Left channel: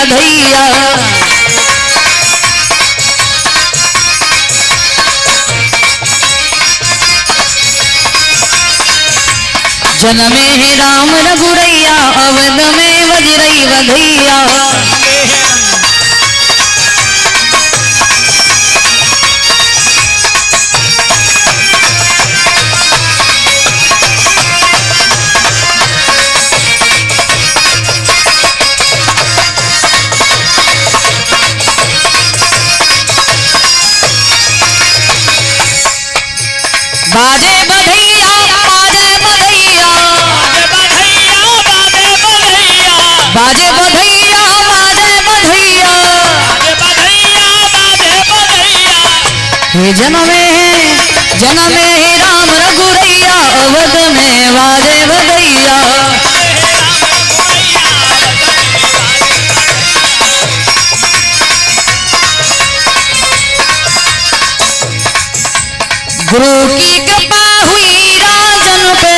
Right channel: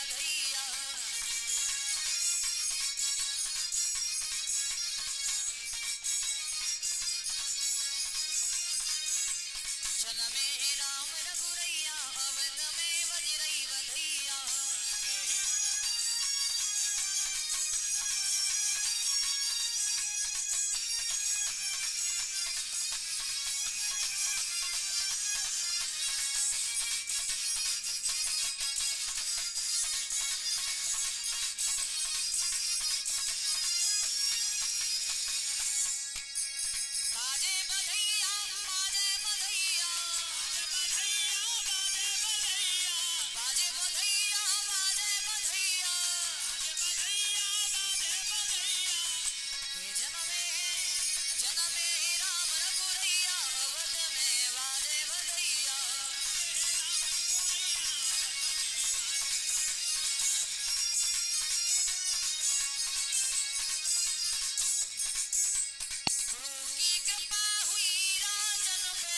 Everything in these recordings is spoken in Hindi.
बधैया। जन्मे है राम रघुरैया, अवध में वज्रई बधैया। बाजे बधैया बाजे बधैया, बाजे बधैया बाजे बधैया, हे जनमे है राम रघुरैया, अवध में बाजे बधैया। गुरु की कृपा हुई राजन पे,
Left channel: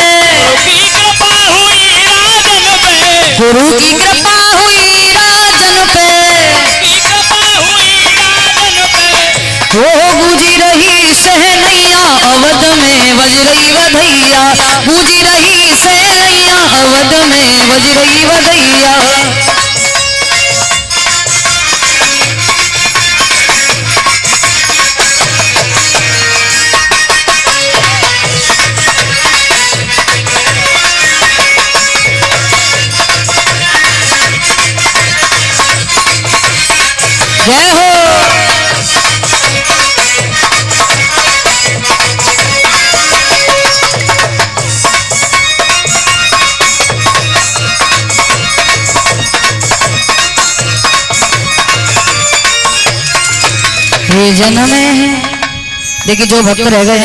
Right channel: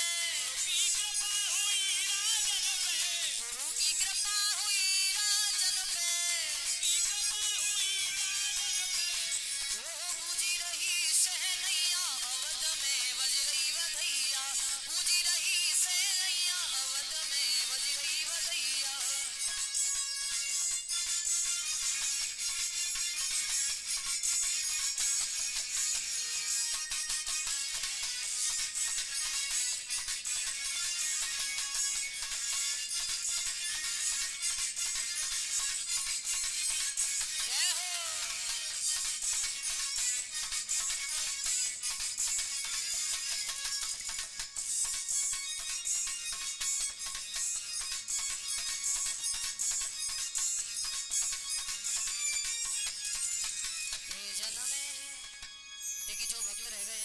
गुरु की कृपा हुई राजन पे, हो गूंजी रही सहनैया, अवध में वज्रई बधैया। गूंजी रही सहनैया, अवध में वज्रई बधैया। जय हो। ये जन्म है। देखिए जो भक्त रह गए